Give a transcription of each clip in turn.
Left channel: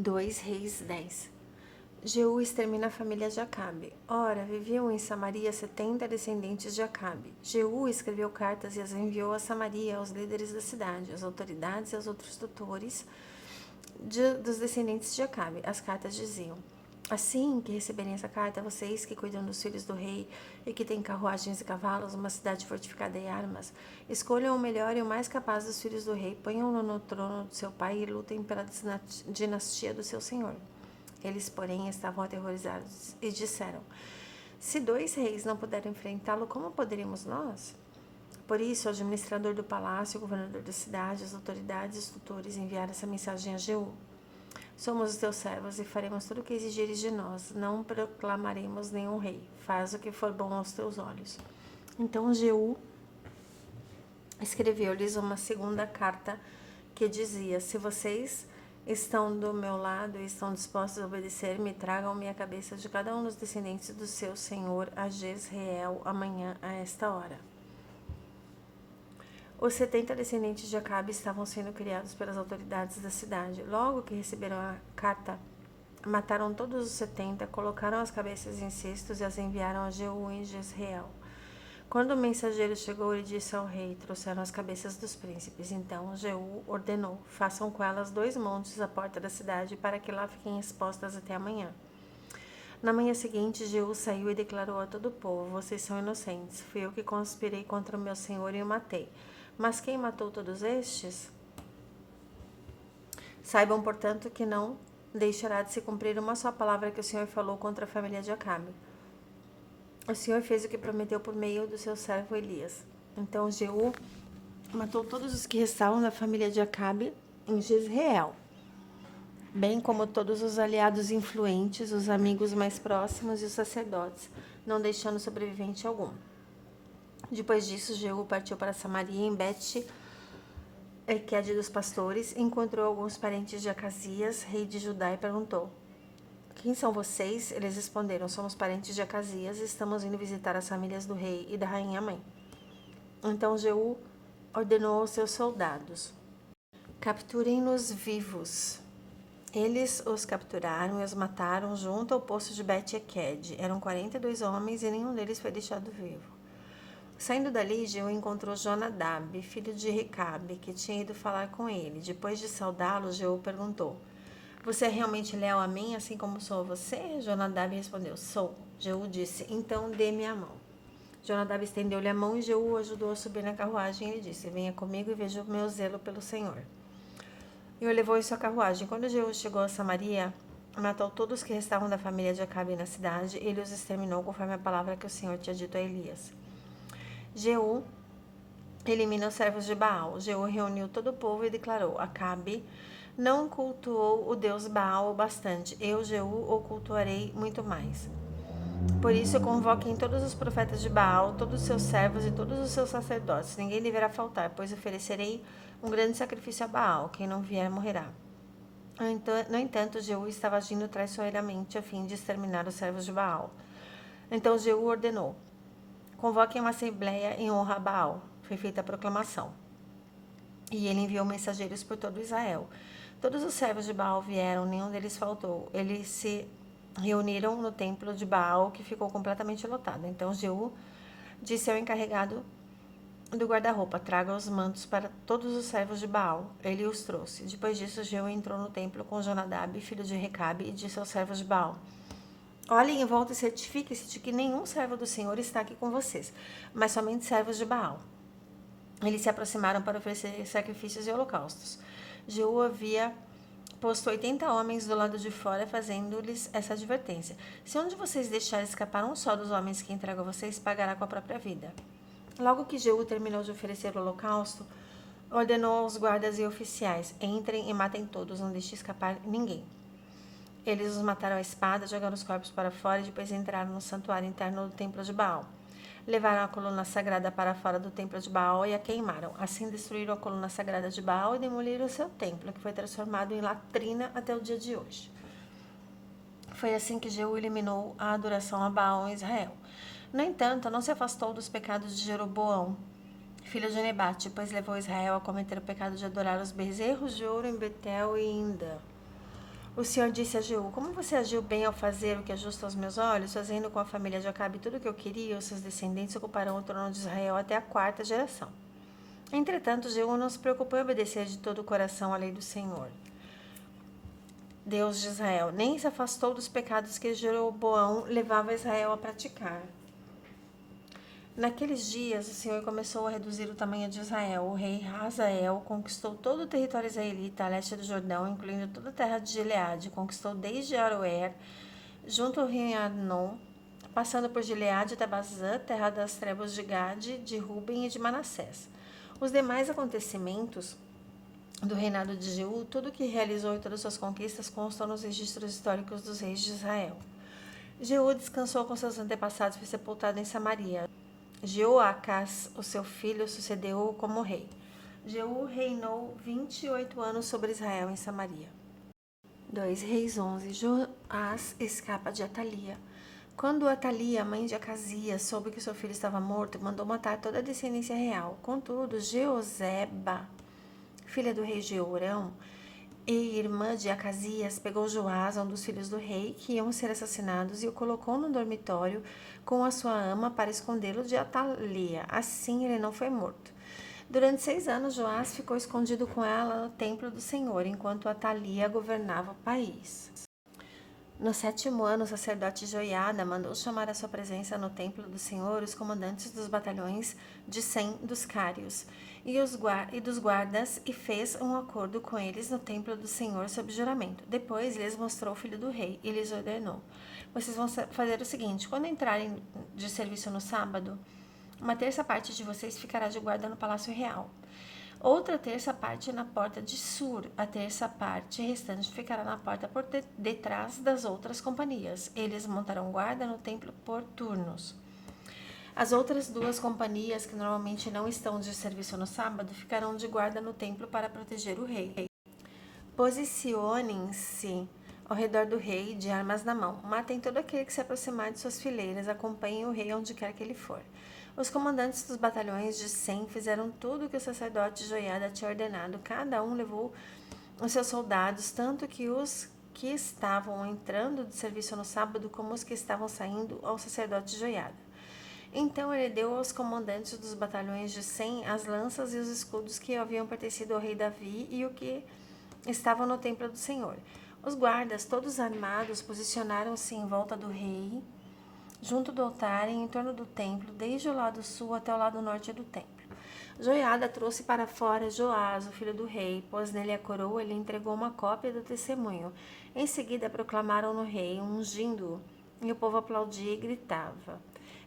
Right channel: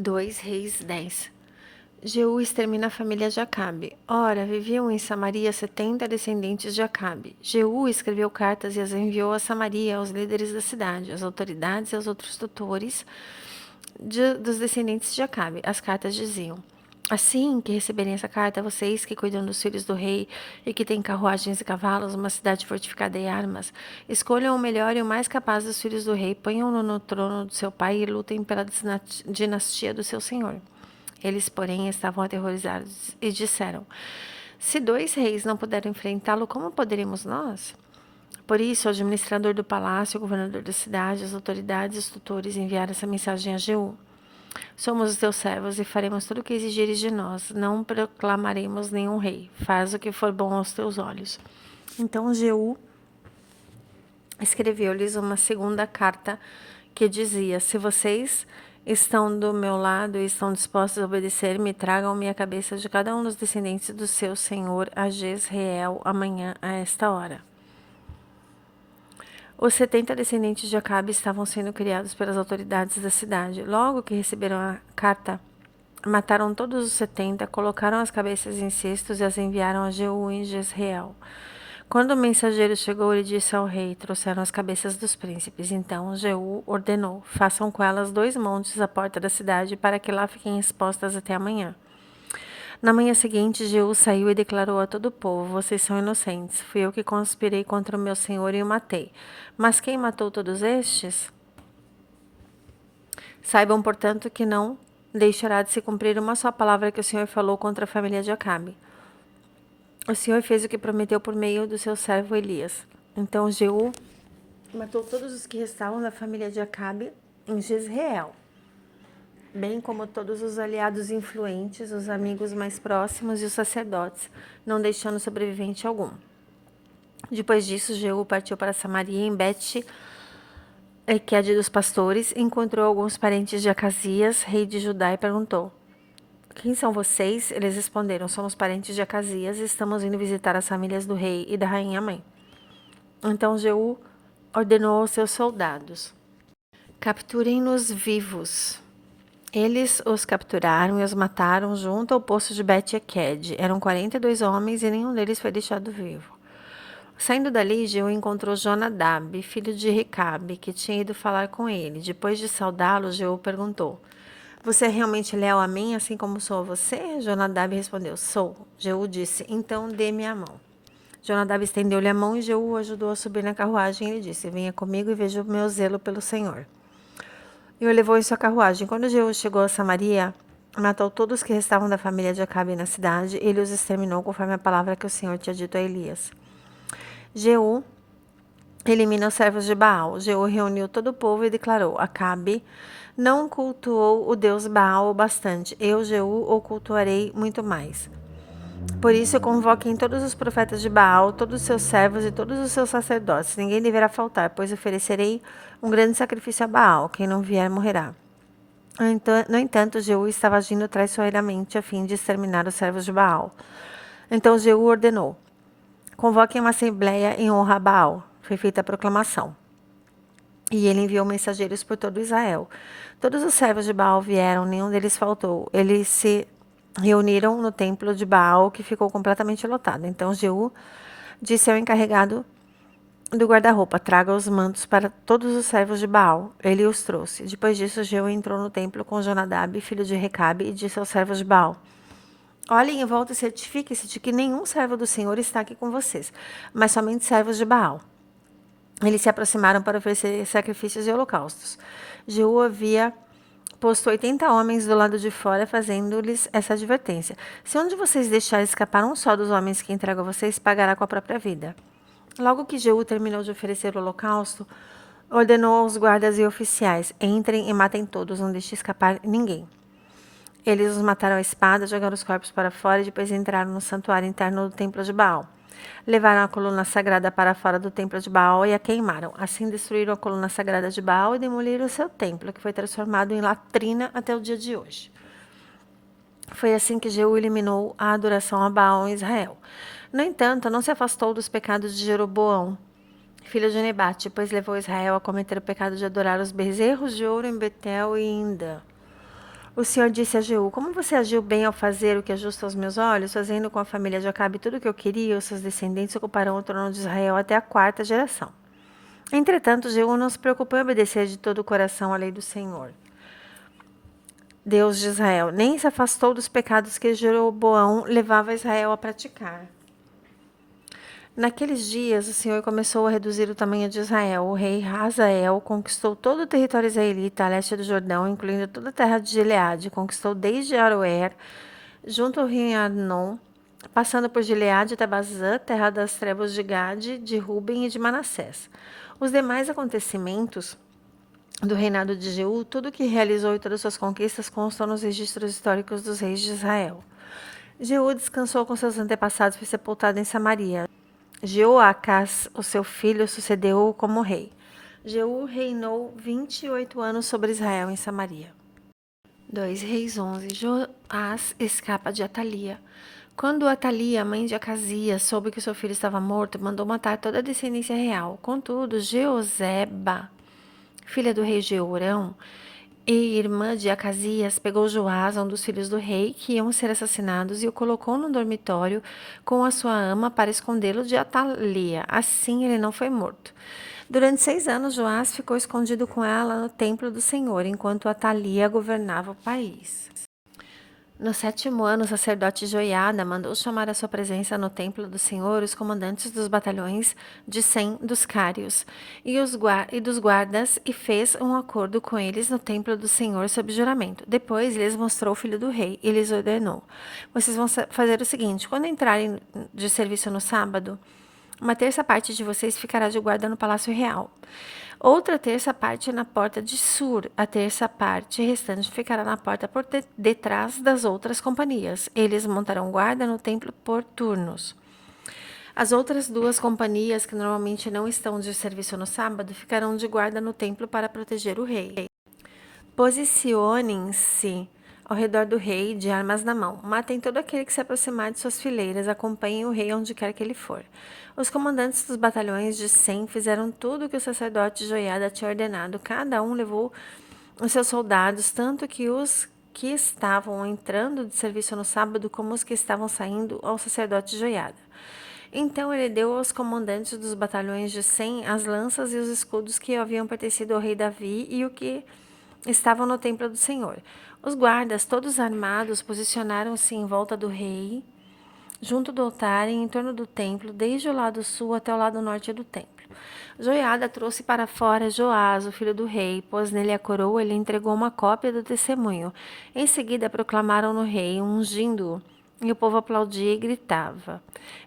2 Reis 10. Jeú extermina a família de Acabe. Ora, viviam em Samaria 70 descendentes de Acabe. Jeú escreveu cartas e as enviou a Samaria, aos líderes da cidade, às autoridades e aos outros tutores dos descendentes de Acabe. As cartas diziam: assim que receberem essa carta, vocês que cuidam dos filhos do rei e que têm carruagens e cavalos, uma cidade fortificada e armas, escolham o melhor e o mais capaz dos filhos do rei, ponham-no no trono do seu pai e lutem pela dinastia do seu senhor. Eles, porém, estavam aterrorizados e disseram: se 2 reis não puderam enfrentá-lo, como poderíamos nós? Por isso, o administrador do palácio, o governador da cidade, as autoridades e os tutores enviaram essa mensagem a Jeú: somos os teus servos e faremos tudo o que exigires de nós. Não proclamaremos nenhum rei. Faz o que for bom aos teus olhos. Então Jeú escreveu-lhes uma segunda carta que dizia: se vocês estão do meu lado e estão dispostos a obedecer-me, tragam-me a cabeça de cada um dos descendentes do seu senhor a Jezreel amanhã a esta hora. Os 70 descendentes de Acabe estavam sendo criados pelas autoridades da cidade. Logo que receberam a carta, mataram todos os 70, colocaram as cabeças em cestos e as enviaram a Jeú em Jezreel. Quando o mensageiro chegou, ele disse ao rei: trouxeram as cabeças dos príncipes. Então Jeú ordenou: façam com elas 2 montes à porta da cidade, para que lá fiquem expostas até amanhã. Na manhã seguinte, Jeú saiu e declarou a todo o povo: vocês são inocentes. Fui eu que conspirei contra o meu senhor e o matei. Mas quem matou todos estes? Saibam, portanto, que não deixará de se cumprir uma só palavra que o Senhor falou contra a família de Acabe. O Senhor fez o que prometeu por meio do seu servo Elias. Então Jeú matou todos os que restavam da família de Acabe em Jezreel, bem como todos os aliados influentes, os amigos mais próximos e os sacerdotes, não deixando sobrevivente algum. Depois disso, Jeú partiu para Samaria, em Bet-Eked dos pastores, encontrou alguns parentes de Acasias, rei de Judá, e perguntou: quem são vocês? Eles responderam: somos parentes de Acasias e estamos indo visitar as famílias do rei e da rainha mãe. Então Jeú ordenou aos seus soldados: capturem-nos vivos. Eles os capturaram e os mataram junto ao poço de Bet-Eked. Eram 42 homens e nenhum deles foi deixado vivo. Saindo dali, Jeú encontrou Jonadab, filho de Recabe, que tinha ido falar com ele. Depois de saudá-lo, Jeú perguntou: você é realmente leal a mim, assim como sou a você? Jonadab respondeu: sou. Jeú disse: então dê-me a mão. Jonadab estendeu-lhe a mão e Jeú o ajudou a subir na carruagem. Ele disse: venha comigo e veja o meu zelo pelo Senhor. E o levou em sua carruagem. Quando Jeú chegou a Samaria, matou todos os que restavam da família de Acabe na cidade. Ele os exterminou conforme a palavra que o Senhor tinha dito a Elias. Jeú elimina os servos de Baal. Jeú reuniu todo o povo e declarou: Acabe não cultuou o deus Baal o bastante. Eu, Jeú, o cultuarei muito mais. Por isso, convoquem todos os profetas de Baal, todos os seus servos e todos os seus sacerdotes. Ninguém deverá faltar, pois oferecerei um grande sacrifício a Baal. Quem não vier morrerá. No entanto, Jeú estava agindo traiçoeiramente a fim de exterminar os servos de Baal. Então Jeú ordenou: convoquem uma assembleia em honra a Baal. Foi feita a proclamação. E ele enviou mensageiros por todo Israel. Todos os servos de Baal vieram, nenhum deles faltou. Eles se reuniram no templo de Baal, que ficou completamente lotado. Então Jeú disse ao encarregado do guarda-roupa: traga os mantos para todos os servos de Baal. Ele os trouxe. Depois disso, Jeú entrou no templo com Jonadab, filho de Recabe, e disse aos servos de Baal: olhem em volta e certifiquem-se de que nenhum servo do Senhor está aqui com vocês, mas somente servos de Baal. Eles se aproximaram para oferecer sacrifícios e holocaustos. Jeú havia posto 80 homens do lado de fora, fazendo-lhes essa advertência: se um de vocês deixar escapar um só dos homens que entrego a vocês, pagará com a própria vida. Logo que Jeú terminou de oferecer o holocausto, ordenou aos guardas e oficiais: entrem e matem todos, não deixe escapar ninguém. Eles os mataram à espada, jogaram os corpos para fora e depois entraram no santuário interno do templo de Baal. Levaram a coluna sagrada para fora do templo de Baal e a queimaram. Assim destruíram a coluna sagrada de Baal e demoliram o seu templo, que foi transformado em latrina até o dia de hoje. Foi assim que Jeú eliminou a adoração a Baal em Israel. No entanto, não se afastou dos pecados de Jeroboão, filho de Nebate, pois levou Israel a cometer o pecado de adorar os bezerros de ouro em Betel e em Dan. O Senhor disse a Jeú: Como você agiu bem ao fazer o que é justo aos meus olhos, fazendo com a família de Acabe tudo o que eu queria, os seus descendentes ocuparão o trono de Israel até a 4ª geração. Entretanto, Jeú não se preocupou em obedecer de todo o coração à lei do Senhor, Deus de Israel, nem se afastou dos pecados que Jeroboão levava Israel a praticar. Naqueles dias, o Senhor começou a reduzir o tamanho de Israel. O rei Hazael conquistou todo o território israelita a leste do Jordão, incluindo toda a terra de Gileade. Conquistou desde Aroer, junto ao rio Arnon, passando por Gileade até Bazã, terra das tribos de Gade, de Ruben e de Manassés. Os demais acontecimentos do reinado de Jeú, tudo o que realizou e todas suas conquistas constam nos registros históricos dos reis de Israel. Jeú descansou com seus antepassados e foi sepultado em Samaria. Jeoacás, o seu filho, sucedeu-o como rei. Jeú reinou 28 anos sobre Israel em Samaria. 2 Reis 11. Joás escapa de Atalia. Quando Atalia, mãe de Acasias, soube que seu filho estava morto, mandou matar toda a descendência real. Contudo, Jeoseba, filha do rei Jeorão e irmã de Acasias, pegou Joás, um dos filhos do rei, que iam ser assassinados, e o colocou no dormitório com a sua ama para escondê-lo de Atalia. Assim ele não foi morto. Durante 6 anos, Joás ficou escondido com ela no templo do Senhor, enquanto Atalia governava o país. No 7º ano, o sacerdote Joiada mandou chamar à sua presença no templo do Senhor os comandantes dos batalhões de 100 dos cários e dos guardas, e fez um acordo com eles no templo do Senhor sob juramento. Depois lhes mostrou o filho do rei e lhes ordenou: Vocês vão fazer o seguinte: quando entrarem de serviço no sábado, uma terça parte de vocês ficará de guarda no palácio real. Outra terça parte na porta de Sur, a terça parte restante ficará na porta por detrás das outras companhias. Eles montarão guarda no templo por turnos. As outras 2 companhias, que normalmente não estão de serviço no sábado, ficarão de guarda no templo para proteger o rei. Posicionem-se ao redor do rei, de armas na mão. Matem todo aquele que se aproximar de suas fileiras. Acompanhem o rei onde quer que ele for. Os comandantes dos batalhões de 100 fizeram tudo o que o sacerdote Joiada tinha ordenado. Cada um levou os seus soldados, tanto que os que estavam entrando de serviço no sábado como os que estavam saindo, ao sacerdote Joiada. Então ele deu aos comandantes dos batalhões de 100 as lanças e os escudos que haviam pertencido ao rei Davi e o que estavam no templo do Senhor. Os guardas, todos armados, posicionaram-se em volta do rei, junto do altar e em torno do templo, desde o lado sul até o lado norte do templo. Joiada trouxe para fora Joás, o filho do rei, pôs nele a coroa e lhe entregou uma cópia do testemunho. Em seguida proclamaram no rei, ungindo-o, e o povo aplaudia e gritava:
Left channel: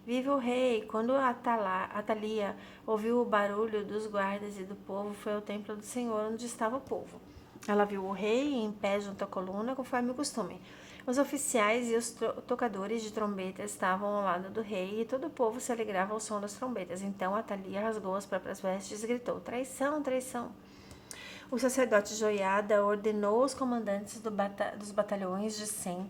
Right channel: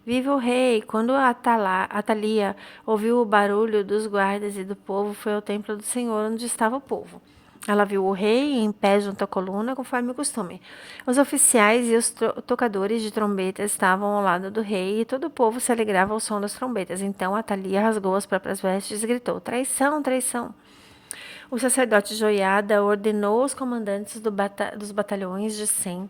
Viva o rei! Quando Atalia ouviu o barulho dos guardas e do povo, foi ao templo do Senhor, onde estava o povo. Ela viu o rei em pé junto à coluna, conforme o costume. Os oficiais e os tocadores de trombetas estavam ao lado do rei, e todo o povo se alegrava ao som das trombetas. Então Atalia rasgou as próprias vestes e gritou: Traição, traição! O sacerdote Joiada ordenou aos comandantes dos batalhões de 100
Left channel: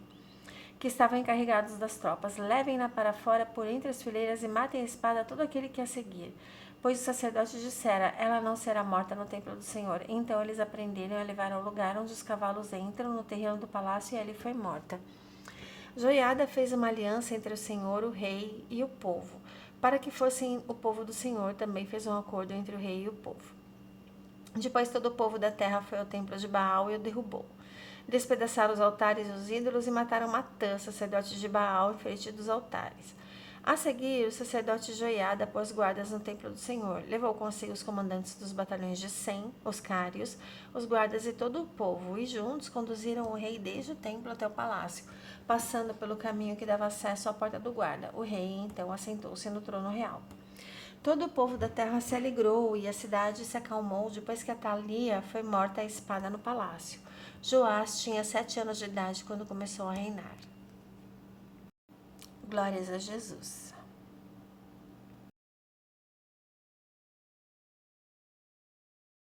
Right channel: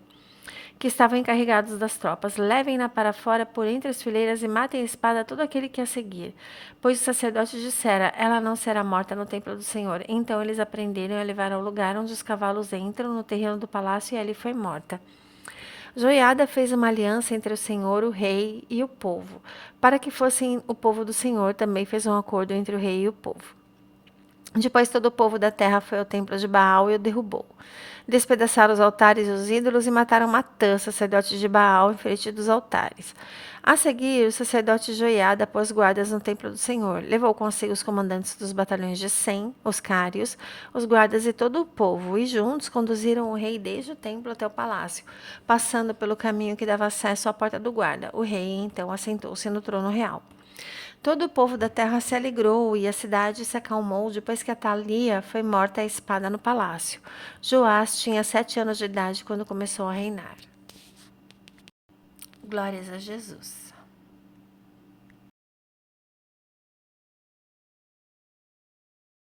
que estavam encarregados das tropas: levem-na para fora por entre as fileiras e matem a espada todo aquele que a seguir. Pois o sacerdote dissera: ela não será morta no templo do Senhor. Então eles a prenderam e a levaram ao lugar onde os cavalos entram, no terreno do palácio, e ali foi morta. Joiada fez uma aliança entre o Senhor, o rei e o povo. Para que fossem o povo do Senhor, também fez um acordo entre o rei e o povo. Depois todo o povo da terra foi ao templo de Baal e o derrubou. Despedaçaram os altares e os ídolos e mataram Matã, sacerdote de Baal, em frente dos altares. A seguir, o sacerdote Joiada pôs guardas no templo do Senhor. Levou consigo os comandantes dos batalhões de 100, os cários, os guardas e todo o povo, e juntos conduziram o rei desde o templo até o palácio, passando pelo caminho que dava acesso à porta do guarda. O rei, então, assentou-se no trono real. Todo o povo da terra se alegrou e a cidade se acalmou depois que Atalia foi morta à espada no palácio. Joás tinha 7 anos de idade quando começou a reinar. Glórias a Jesus.